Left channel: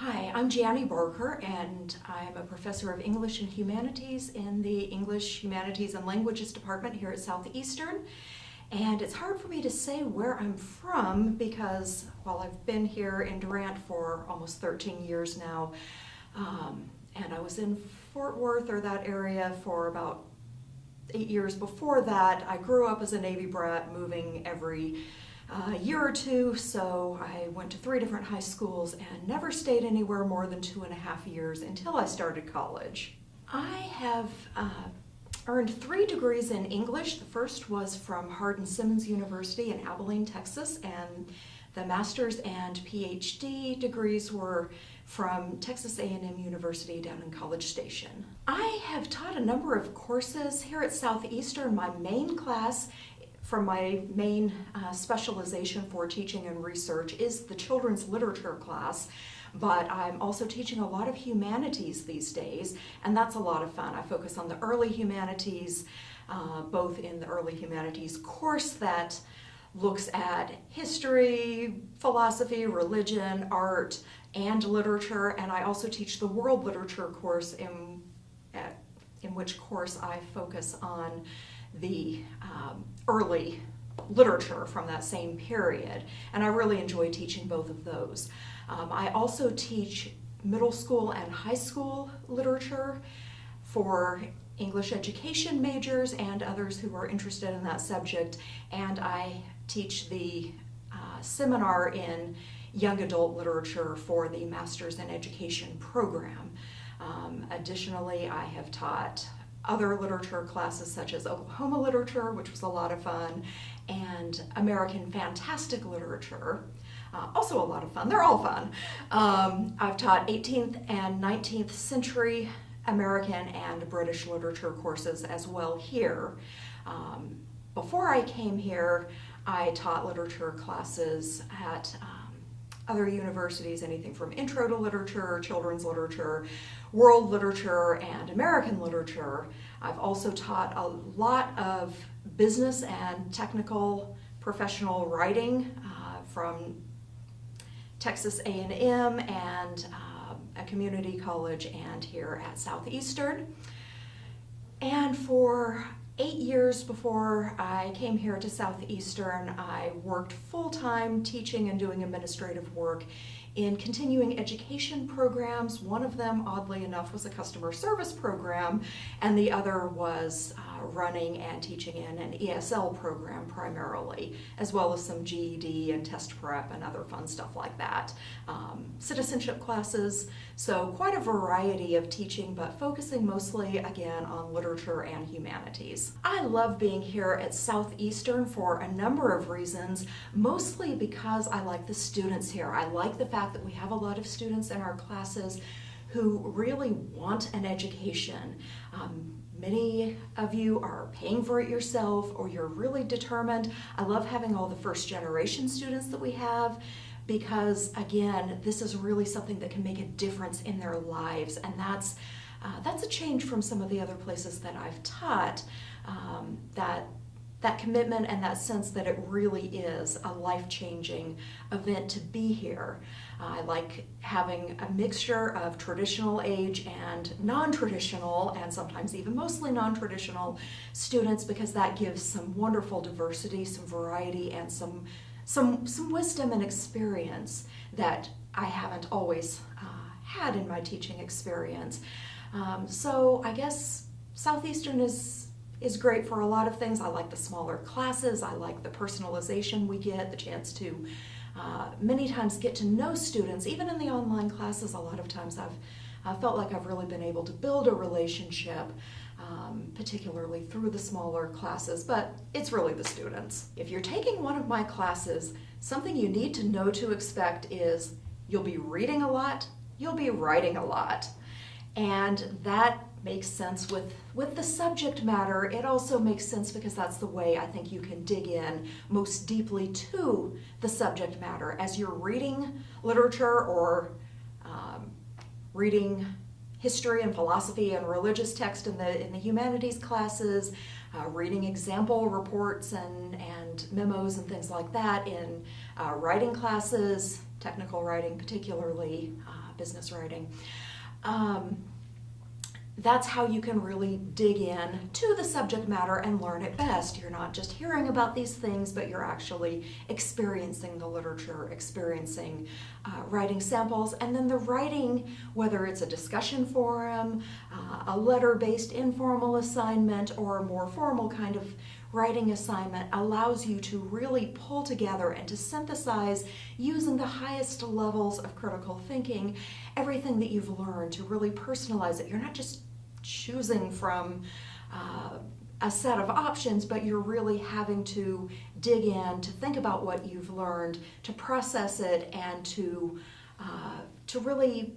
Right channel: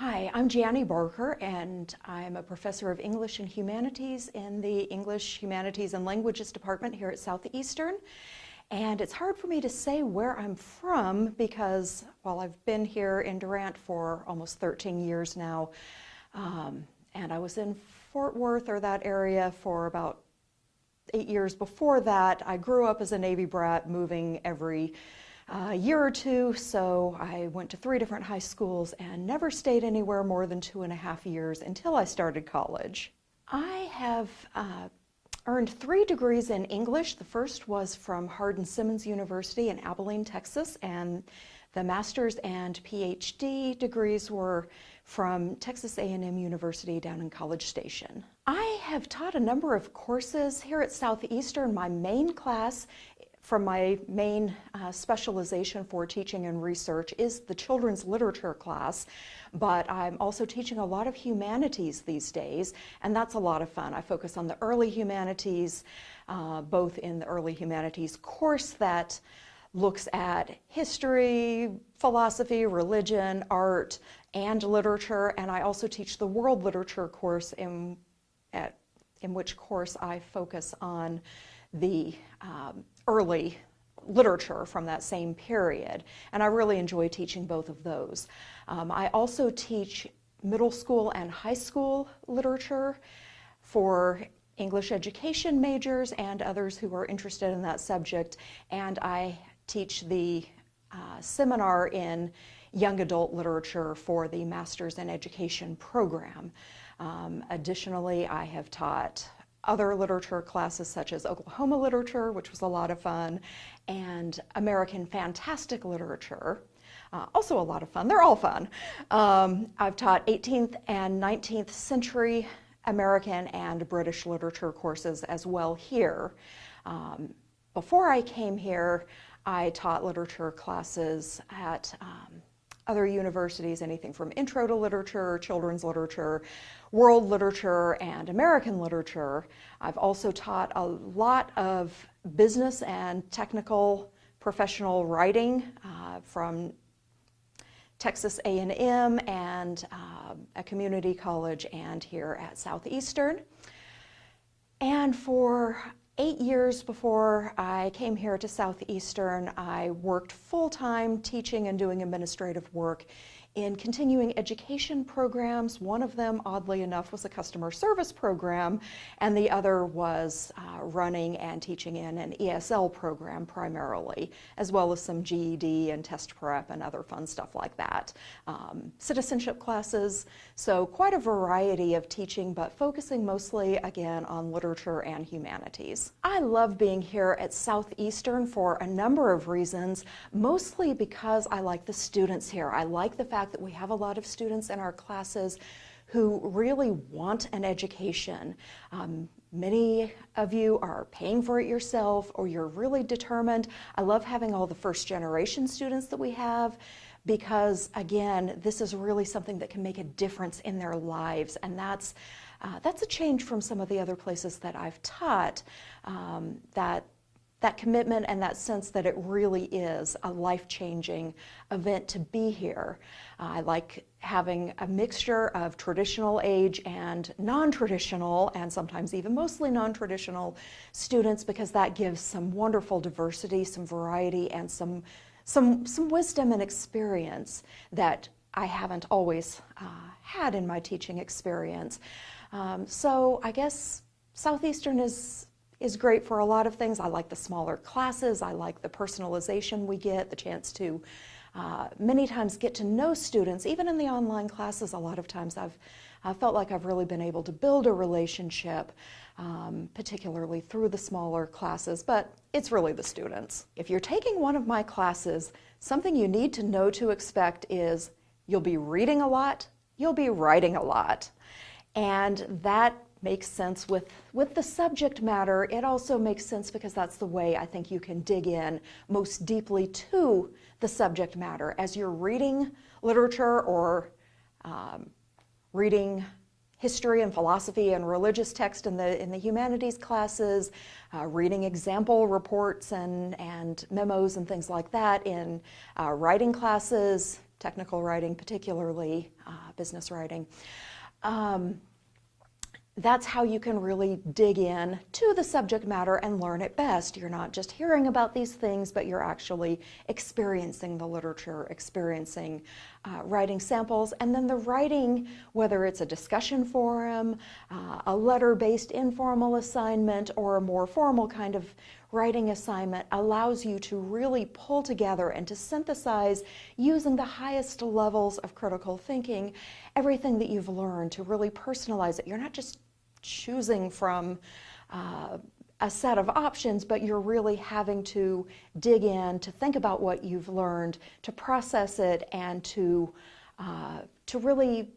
Hi, I'm Gianni Barker, and I'm a professor of English and Humanities in the English, Humanities, and Languages department here at Southeastern. And it's hard for me to say where I'm from because, while I've been here in Durant for almost 13 years now, and I was in Fort Worth or that area for about 8 years before that. I grew up as a Navy brat, moving every year or two, so I went to 3 different high schools and never stayed anywhere more than 2.5 years until I started college. I have earned 3 degrees in English. The first was from Hardin-Simmons University in Abilene, Texas, and the master's and PhD degrees were from Texas A&M University down in College Station. I have taught a number of courses here at Southeastern. My main class from my main specialization for teaching and research is the children's literature class, but I'm also teaching a lot of humanities these days, and that's a lot of fun. I focus on the early humanities, both in the early humanities course that looks at history, philosophy, religion, art, and literature, and I also teach the world literature course in which course I focus on the early literature from that same period, and I really enjoy teaching both of those. I also teach middle school and high school literature for English education majors and others who are interested in that subject, and I teach the seminar in young adult literature for the Master's in Education program. Additionally, I have taught other literature classes such as Oklahoma literature, which was a lot of fun, and American Fantastic Literature, also a lot of fun. They're all fun. I've taught 18th and 19th century American and British literature courses as well here. Before I came here, I taught literature classes at other universities, anything from intro to literature, children's literature, world literature, and American literature. I've also taught a lot of business and technical professional writing from Texas A&M and a community college and here at Southeastern. And for 8 years before I came here to Southeastern, I worked full-time teaching and doing administrative work in continuing education programs. One of them, oddly enough, was a customer service program, and the other was running and teaching in an ESL program primarily, as well as some GED and test prep and other fun stuff like that. Citizenship classes, so quite a variety of teaching, but focusing mostly, again, on literature and humanities. I love being here at Southeastern for a number of reasons, mostly because I like the students here. I like the fact that we have a lot of students in our classes who really want an education. Many of you are paying for it yourself, or you're really determined. I love having all the first generation students that we have because, again, this is really something that can make a difference in their lives, and that's a change from some of the other places that I've taught, that commitment and that sense that it really is a life-changing event to be here. I like having a mixture of traditional age and non-traditional, and sometimes even mostly non-traditional students, because that gives some wonderful diversity, some variety, and some wisdom and experience that I haven't always had in my teaching experience. So I guess Southeastern is great for a lot of things. I like the smaller classes. I like the personalization we get, the chance to many times get to know students. Even in the online classes, a lot of times I've felt like I've really been able to build a relationship, particularly through the smaller classes, but it's really the students. If you're taking one of my classes, something you need to know to expect is you'll be reading a lot, you'll be writing a lot, and that makes sense with the subject matter. It also makes sense because that's the way I think you can dig in most deeply to the subject matter. As you're reading literature or reading history and philosophy and religious text in the humanities classes, reading example reports and memos and things like that in writing classes, technical writing particularly, business writing. That's how you can really dig in to the subject matter and learn it best. You're not just hearing about these things, but you're actually experiencing the literature, experiencing writing samples, and then the writing, whether it's a discussion forum, a letter-based informal assignment, or a more formal kind of writing assignment, allows you to really pull together and to synthesize, using the highest levels of critical thinking, everything that you've learned, to really personalize it. You're not just choosing from a set of options, but you're really having to dig in, to think about what you've learned, to process it, and to really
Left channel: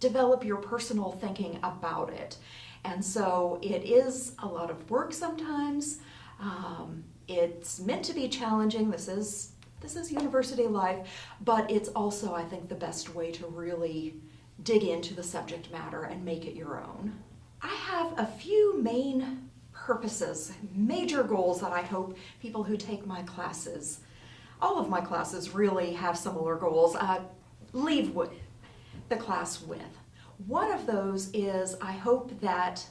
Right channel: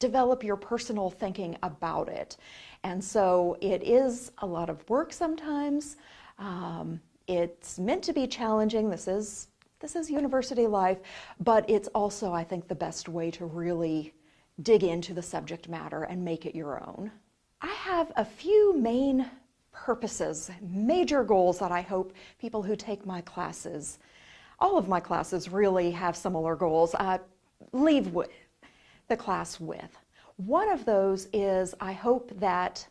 develop your personal thinking about it. And so it is a lot of work sometimes. It's meant to be challenging. This is university life, but it's also, I think, the best way to really dig into the subject matter and make it your own. I have a few main purposes, major goals that I hope people who take my classes, all of my classes really have similar goals, leave the class with. One of those is I hope that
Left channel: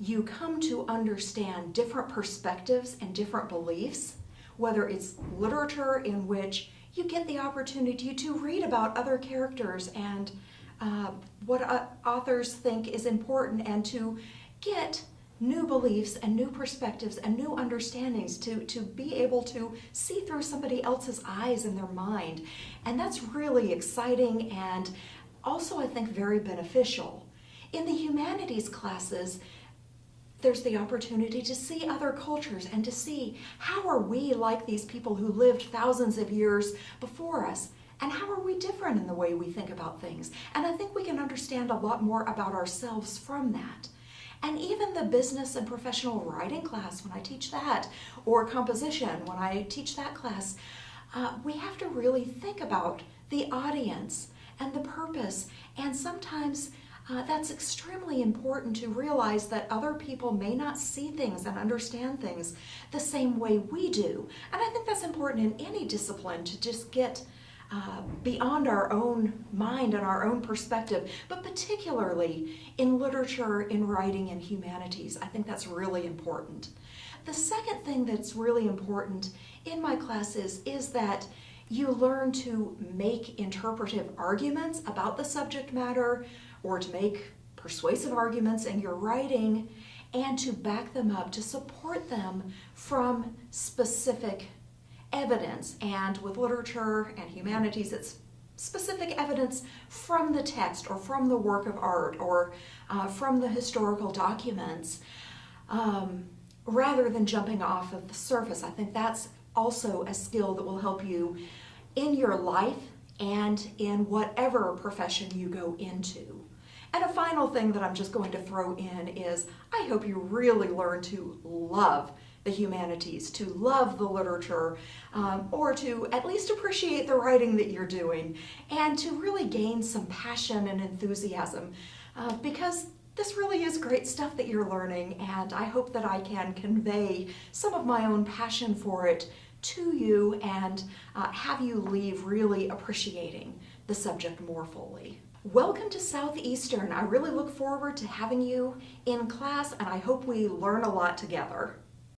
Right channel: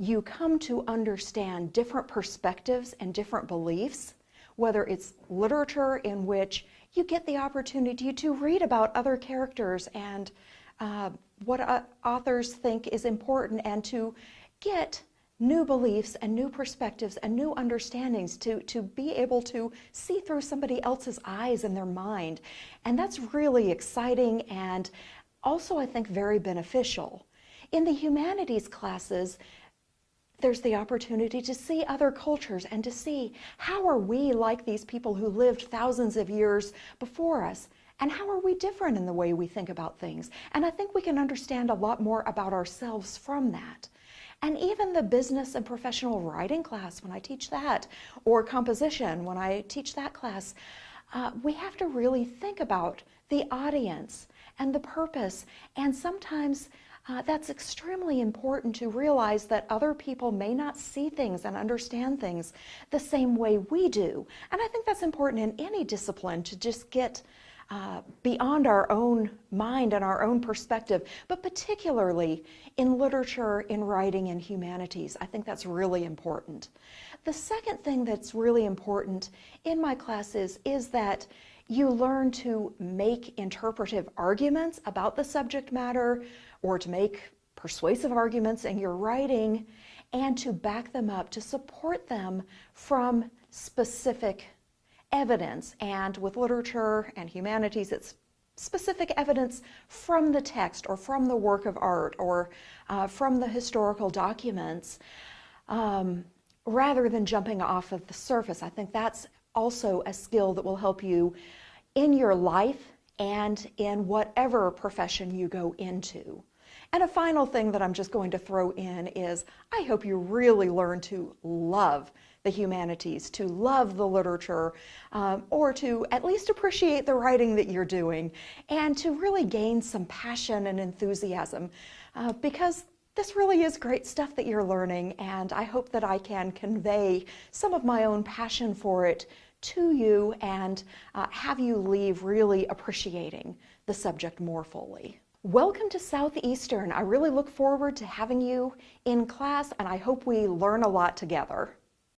you come to understand different perspectives and different beliefs, whether it's literature in which you get the opportunity to read about other characters and what authors think is important, and to get new beliefs and new perspectives and new understandings, to be able to see through somebody else's eyes and their mind. And that's really exciting and also, I think, very beneficial. In the humanities classes, there's the opportunity to see other cultures and to see how are we like these people who lived thousands of years before us. And how are we different in the way we think about things? And I think we can understand a lot more about ourselves from that. And even the business and professional writing class, when I teach that, or composition, when I teach that class, we have to really think about the audience and the purpose. And sometimes that's extremely important, to realize that other people may not see things and understand things the same way we do. And I think that's important in any discipline, to just get beyond our own mind and our own perspective, but particularly in literature, in writing, and humanities. I think that's really important. The second thing that's really important in my classes is that you learn to make interpretive arguments about the subject matter, or to make persuasive arguments in your writing, and to back them up, to support them from specific evidence. And with literature and humanities, it's specific evidence from the text or from the work of art or from the historical documents, rather than jumping off of the surface. I think that's also a skill that will help you in your life and in whatever profession you go into. And a final thing that I'm just going to throw in is I hope you really learn to love the humanities, to love the literature, or to at least appreciate the writing that you're doing, and to really gain some passion and enthusiasm, because this really is great stuff that you're learning, and I hope that I can convey some of my own passion for it to you and have you leave really appreciating the subject more fully. Welcome to Southeastern. I really look forward to having you in class, and I hope we learn a lot together.